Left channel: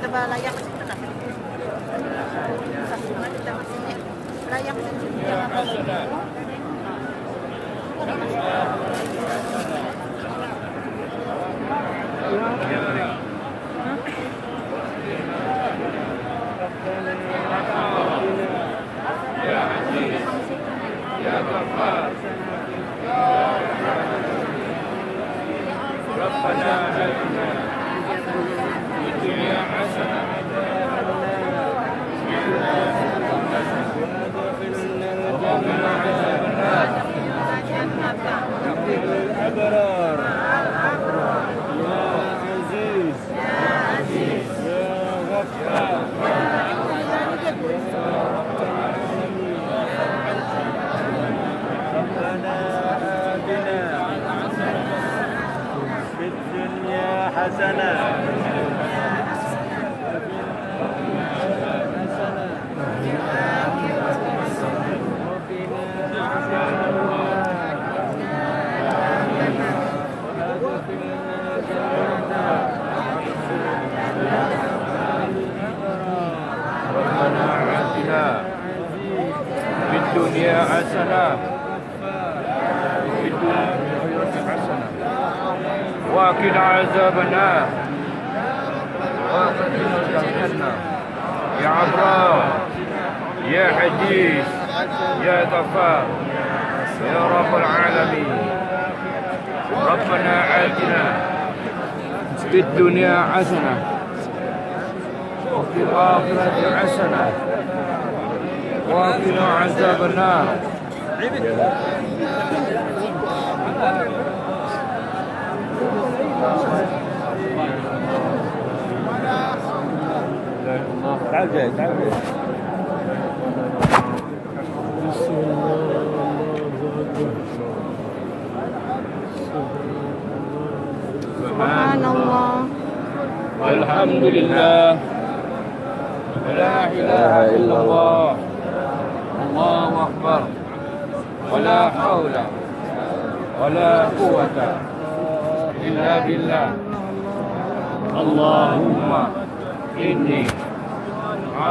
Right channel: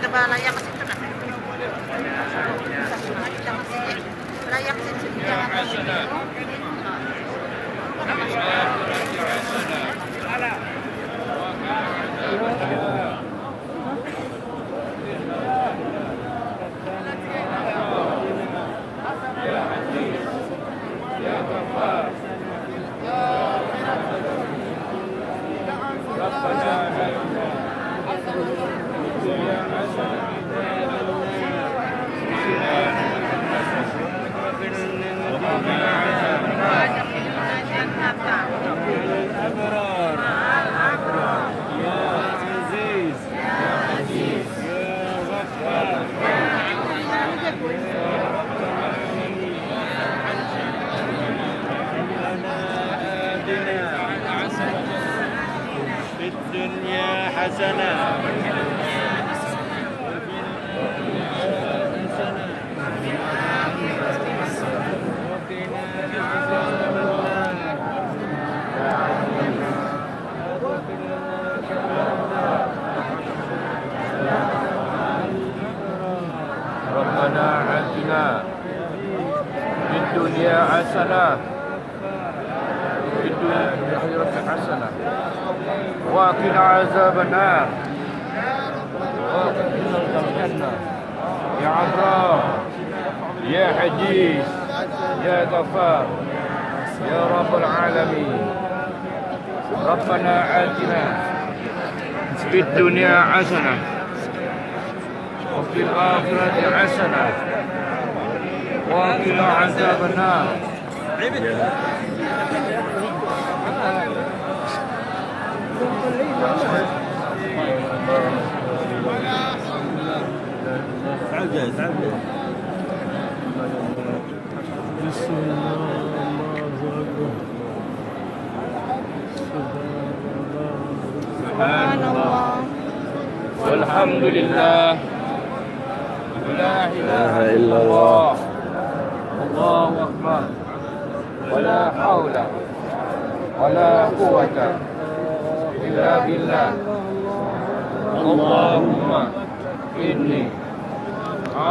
Coba layak ke situ lah. Layak ke situ. حسنة ربنا آتنا في الدنيا حسنة وفي الآخرة حسنة وقنا عذاب النار وقنا الجنة يا عبرار يا حديث يا غفار يا رب العالمين ربنا آتنا في الدنيا حسنة وفي الآخرة حسنة وقنا عذاب النار سبحان الله والحمد لله ولا إله إلا الله الله أكبر ولا حول ولا قوة إلا بالله اللهم إني